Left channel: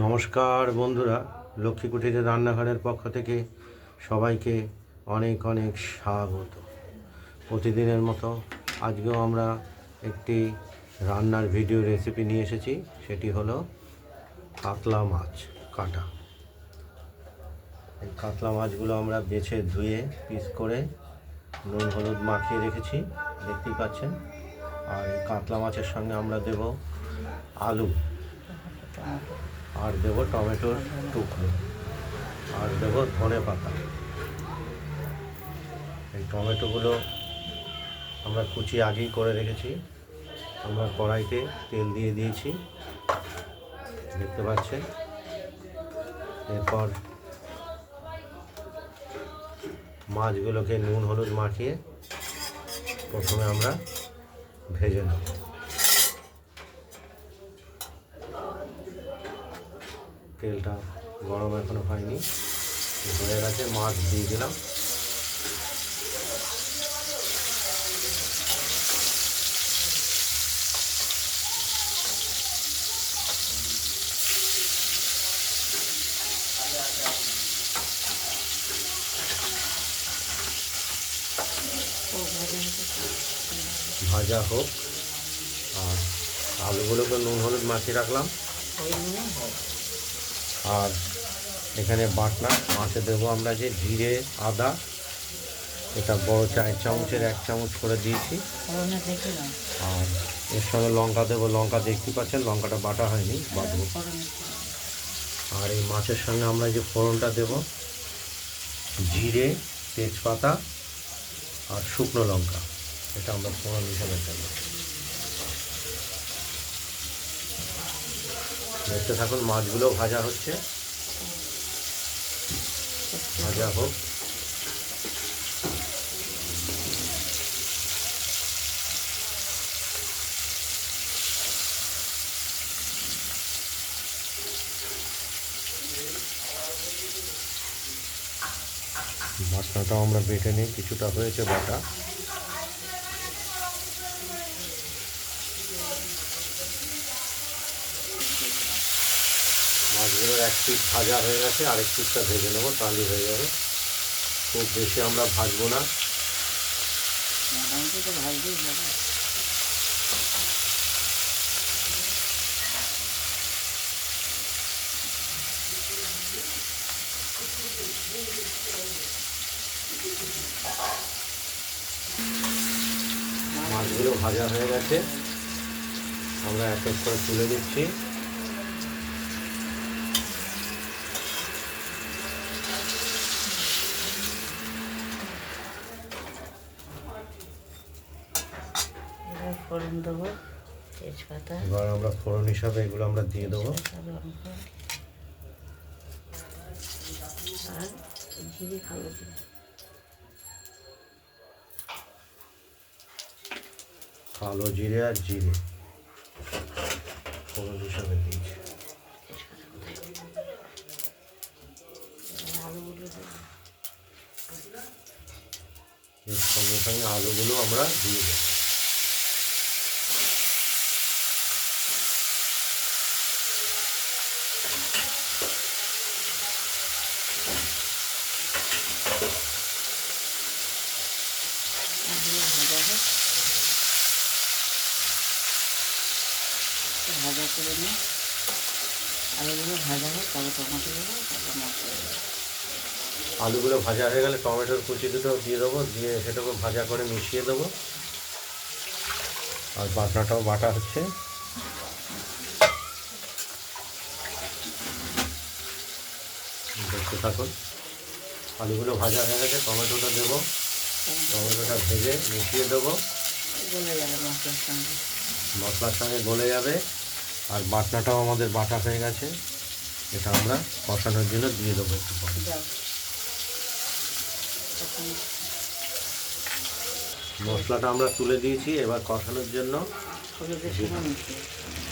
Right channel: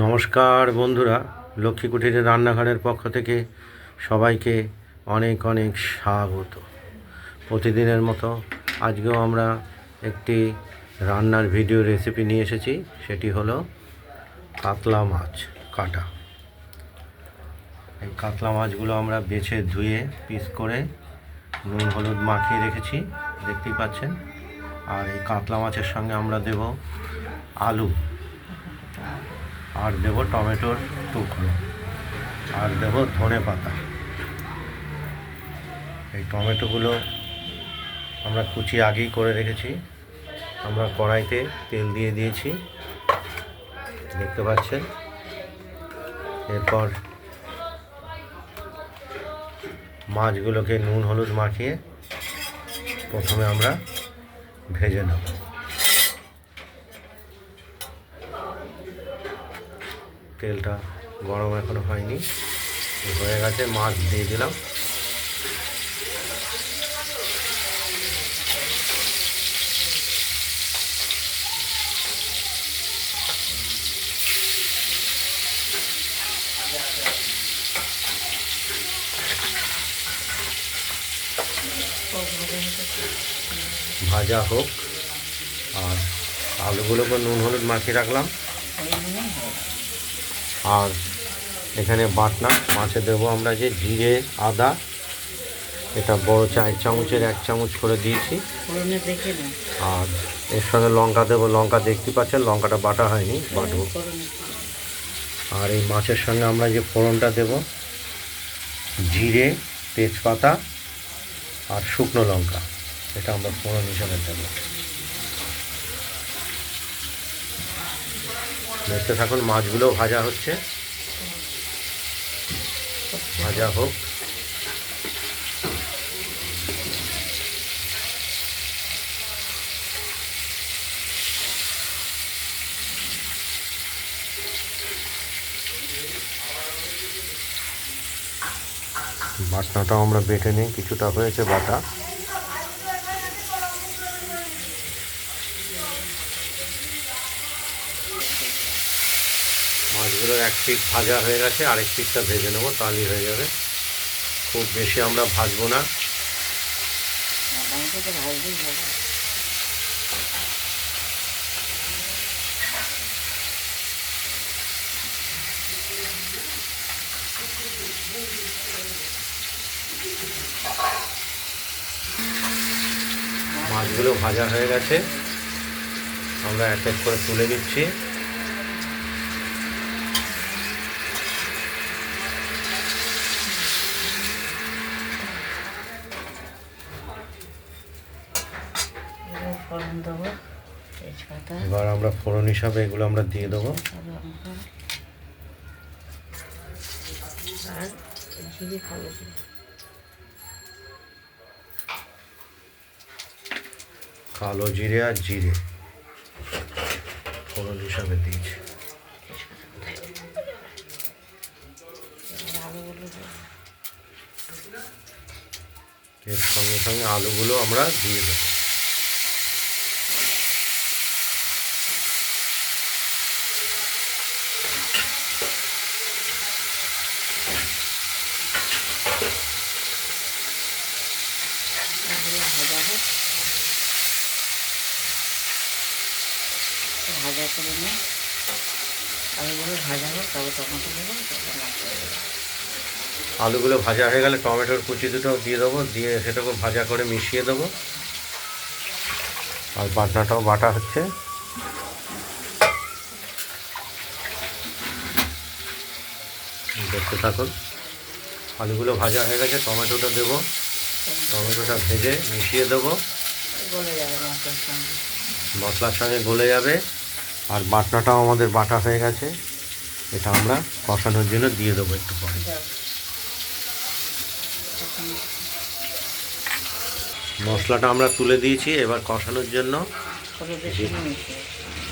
নমস্কার বন্ধুরা, লক্ষ্মী কুঠিরের রান্নাঘরের পক্ষ থেকে সবাইকে অনেক অনেক স্বাগত। প্রতিদিনের মতো আজকেও আমরা একটি রান্নার ভিডিও রেসিপি নিয়ে এসেছি। সেটি হলো কাতলা মাছ কাটা। এই কাতলা মাছগুলো আমরা বেছে ধুয়ে পিস করে নুন হলুদ মাখিয়ে রেখেছি, দেখতেই পাচ্ছেন। আর এই কাতলা মাছের সঙ্গে আমরা দেব আলু, আর দেব টমেটোর টুকরো, আর দেব ধনে পাতা। এই টমেটোগুলো আমরা কুচি আগেই করে রেখেছি। আমরা কড়াইতে তেল দিয়ে দিয়েছি, দেখতে পাচ্ছেন। এরপর মাছগুলোকে নুন হলুদ মাখিয়ে প্রথমে আমরা ভেজে নেব। তেলটা গরম এখনো হয়নি, হয়ে গেছে। মাছ দিয়ে দিলাম। ভাজা হোক, আর আলুগুলোকে নুন হলুদ মাখিয়ে রাখলাম। আর এখানে বাটনা মাছে দেবো আমরা যে জিরে আদা, এটা বড় 4 চামচের 1 চামচ করে দিয়েছি। আর এর সঙ্গে লঙ্কা দেবো। লঙ্কা দেখতে পাচ্ছেন, লঙ্কাটা বাটা হয়নি, বাটবো। আর এই মাছের সঙ্গে আমরা যে ফোড়নটা দেব, জিরে, তেজপাতা আর শুকনো লঙ্কা, এটা আমরা ফোড়ন হিসাবে দেবো। দেখতে থাকুন, মাছগুলো ভাজা হচ্ছে, ভাজা হোক। বাটনাটাও আমরা বেটে নিই, কিছুটা হয়েছে বাটা। মাছগুলোর এক পিঠ ভাজা হয়ে গেছে, আরেক পিঠটা ভেজে নেবো, তাহলেই হয়ে যাবে। খুব বেশি আমরা ভাজবো না। মাছগুলো ভাজা হয়ে গেছে, আমরা এক এক করে তুলে দিচ্ছি। এবার আমরা ফোড়ন হিসাবে এগুলো আমরা দিয়ে দেবো। কালো জিরে আর জিরে ফোড়ন হিসাবে দিয়েছি। এর সঙ্গে সঙ্গে আলুগুলো আমরা দিয়ে দেবো। ভাজা করে নিয়ে আলুগুলো ভাজা হোক, তবে টমেটো দেবো, তবে মশলা দেবো। আলুগুলো ভাজা হয়ে গেলে টমেটোর কুচি দুটো দিয়ে দেবো, দিয়ে সেটাকে ভাজা করে মিশিয়ে দেবো। আর বাটনাটাও বাটা হচ্ছে। দেখতে থাকুন, আলুগুলো ভাজা হয়ে গেছে, টমেটোটা দেবো, টমেটোটা ভেজে মিশিয়ে দেবো, গলে যাবে মশলার সঙ্গে, মশলার সঙ্গে গলে যাবে। আর বাটনাটাও আমাদের বাটা হয়ে গেছে, এটা আমরা কষানোর জন্য দিয়ে দেবো একটু পরে। মশলাটা আমরা তুলে দিয়েছি, এবার কষানোর জন্য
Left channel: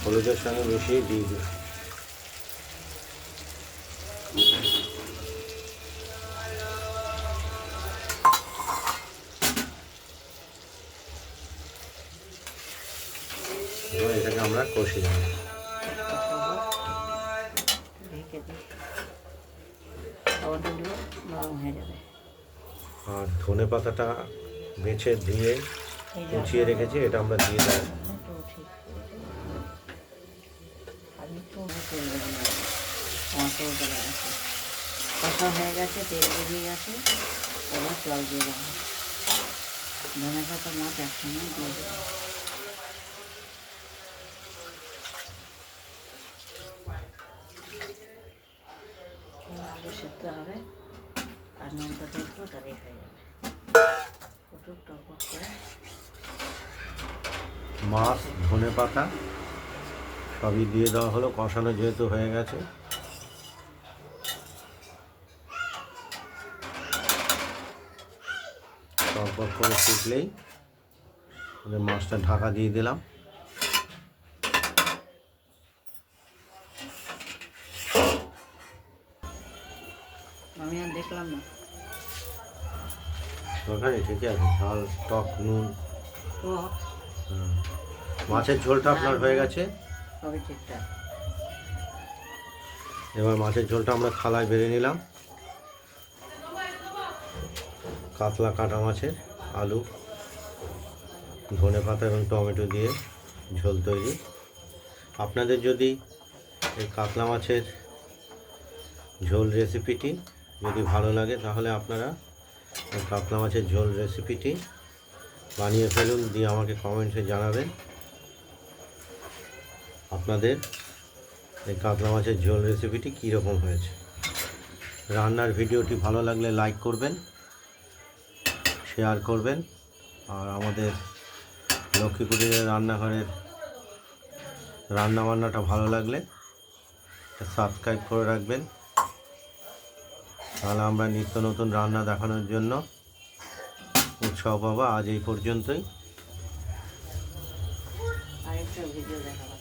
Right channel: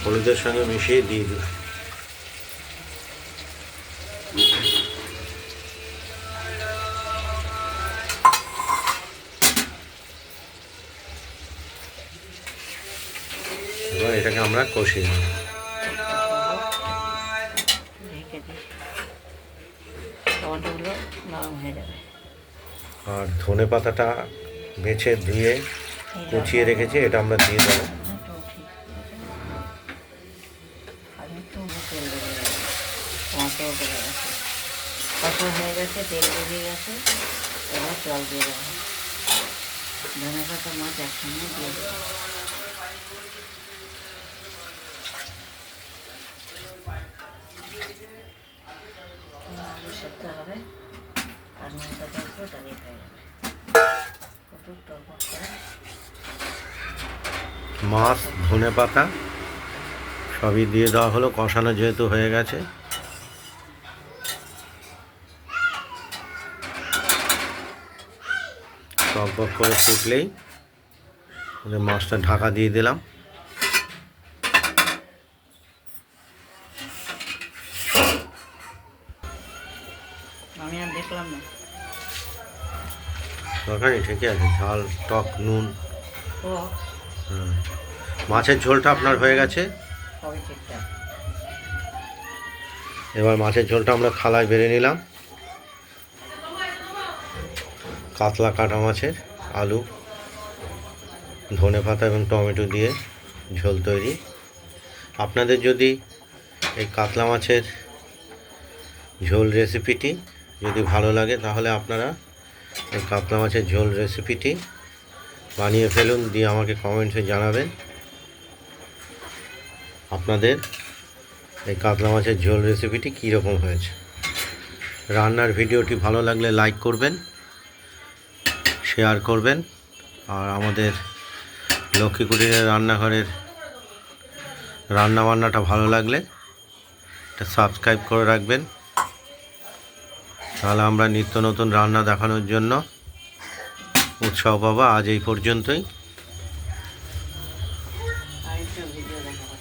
হলুদের সঙ্গে মিশিয়ে দিয়ে দিই। এবার এটাকে আমরা কষিয়ে নেব। টমেটোগুলো নরম হয়ে যাবে। আর ধনে পাতাটা বেছে ধুয়ে কুচিয়ে রেখেছি, এটা আমরা দিয়ে দেবো। আমি একটু তেল বেরিয়ে গেছে, টমেটো গলে গেছে, কষা হয়ে গেছে, তেল বেরিয়ে গেছে। এবার জল দিয়ে দেবো, ধনে পাতা মাছ একসঙ্গে দিয়ে দেবো। আলু সেদ্ধ হবে আর নুনটা দেখবো, তাহলে হয়ে যাবে। একটু টকবক করে মাছ, ধনে পাতা সবই দিয়ে দেওয়া হলো, কষানো যেহেতু হয়ে গেছে। টকবক করে ফুটলেই মাছটা ঢাকা দিয়ে দিলাম। আমি আর দেখলাম না। তরকারি ঠিকই আছে, ঝাল, টক, নুন। ও মাছের ঝোলটা আপনার হয়ে গেছে। সবই ঠিকঠাক। এবার মাছের ঝোলটা আমরা থালায় বেড়ে নিলাম। কাতলা কাটা মাছের আলু, ধনে পাতা এবং টমেটো দিয়ে ঝোল তৈরি। আপনাদের যদি এই কাতলা মাছের ঝোল রেসিপিটি যদি ভালো লাগে, তাহলে আপনারা এই কাতলা মাছের ঝোল রেসিপিটি বানিয়ে ফেলুন, দিয়ে আমাকে কমেন্টসে জানাবেন আপনাদের এই কাতলা মাছের ঝোল রেসিপিটি কীরকম হয়েছে। রান্নার ভিডিওটি ভালো লাগলে লাইক করবেন, শেয়ার করবেন, আর আমাদের লক্ষ্মী কুটিরের রান্নাঘরের রান্নাবান্নাটা ভালো লাগলে এটা সাবস্ক্রাইব করে রাখবেন। তাহলে আমরা নিত্য নতুন রান্না দেখানোর জন্য উৎসাহ পাবো। আজ এই পর্যন্তই। আরেকটা ভিডিও দেখাবো,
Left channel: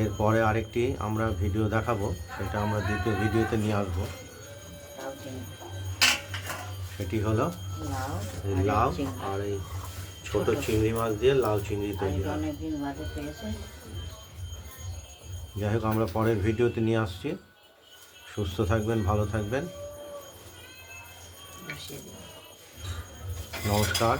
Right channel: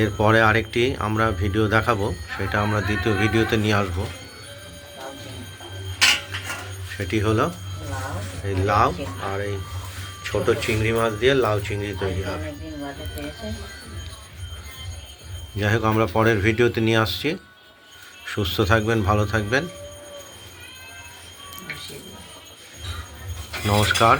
এরপরে আরেকটি আমরা ভিডিও দেখাবো, সেটা আমরা দ্বিতীয় ভিডিওতে নিয়ে আসবো। লাউ চিংড়ি, সেটি হলো লাউ এই লাউ আর এই ছোট চিংড়ি মাছ দিয়ে লাউ চিংড়ি তৈরি হবে। অনেকদিন বাদে পেয়েছে। যাই হোক, আমরা পরের ভিডিওতে নিয়ে আসছি। সুস্থ থাকবেন, ভালো থাকবেন। বসিয়ে দিলাম। নমস্কার।